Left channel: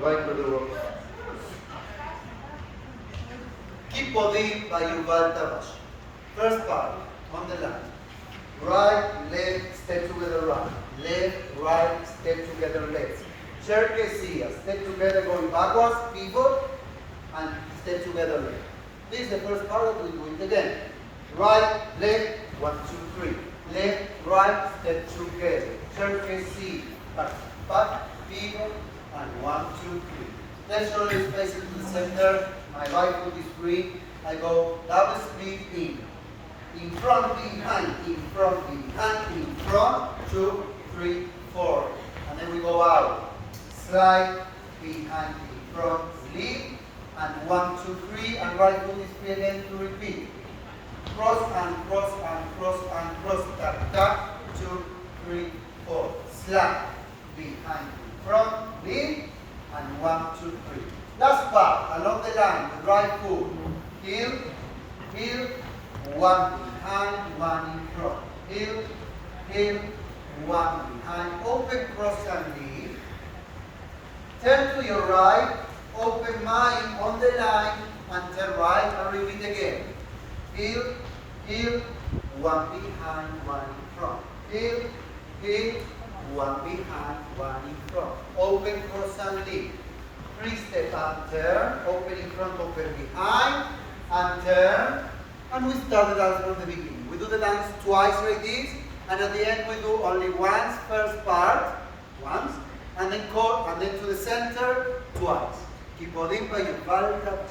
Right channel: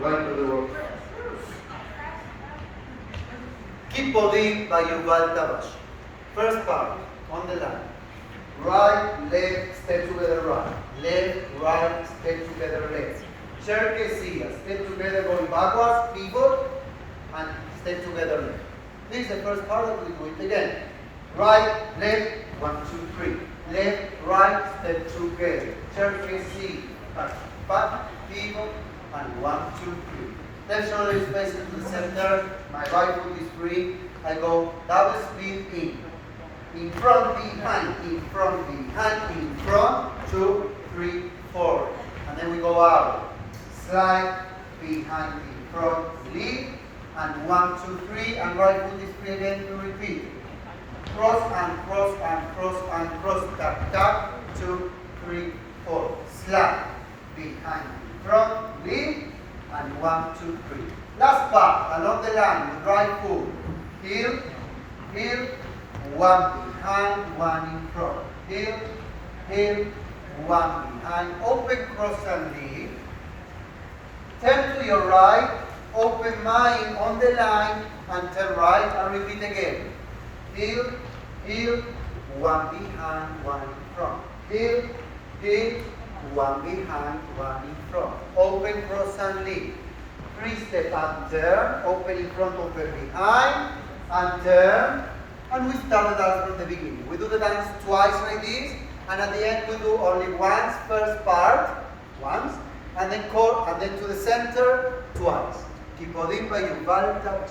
Right to the work. Keep Podin by Yuval Tabash. First part, on the line. Right, left, step together right. Left, right, step together left. Cherkessia, step together going backwards, pivot, and step together left. This is the first part that we do it again. Right, left, 1, 2, 3. Left, right, step together. Cherkessia, back, pivot, and 1, 2, 3. Left shoulder is facing to the center. My right foot is free. I go double split in front, behind, in front, behind, in front, 2, 3, 4. And then we go out. Slide, behind, in front, lead, and 1, 2, 3, and right foot is free again to repeat. Cross and cross and cross and cross, tap, tap, 2, 3, 4. Slide, behind, in front, lead, and 1, 2, 3. Last part, along the line with right foot. Heel, heel, 1 behind, 1 in front. Heel, heel, 1 behind. Open cross and lead. Turn to your right. Open mind on the line and turn right and repeat again. Heel, heel, 1 behind, 1 in front. Heel, heel, 1 behind, 1 in front. Open cross and lead. 3 step and turn. Open in front, open behind, and turn. And we start the dance from the beginning. We do the dance twice like this, and at the end we do only once, first part, once, and then to the center, twice. Keep on in by Yuval Tabash.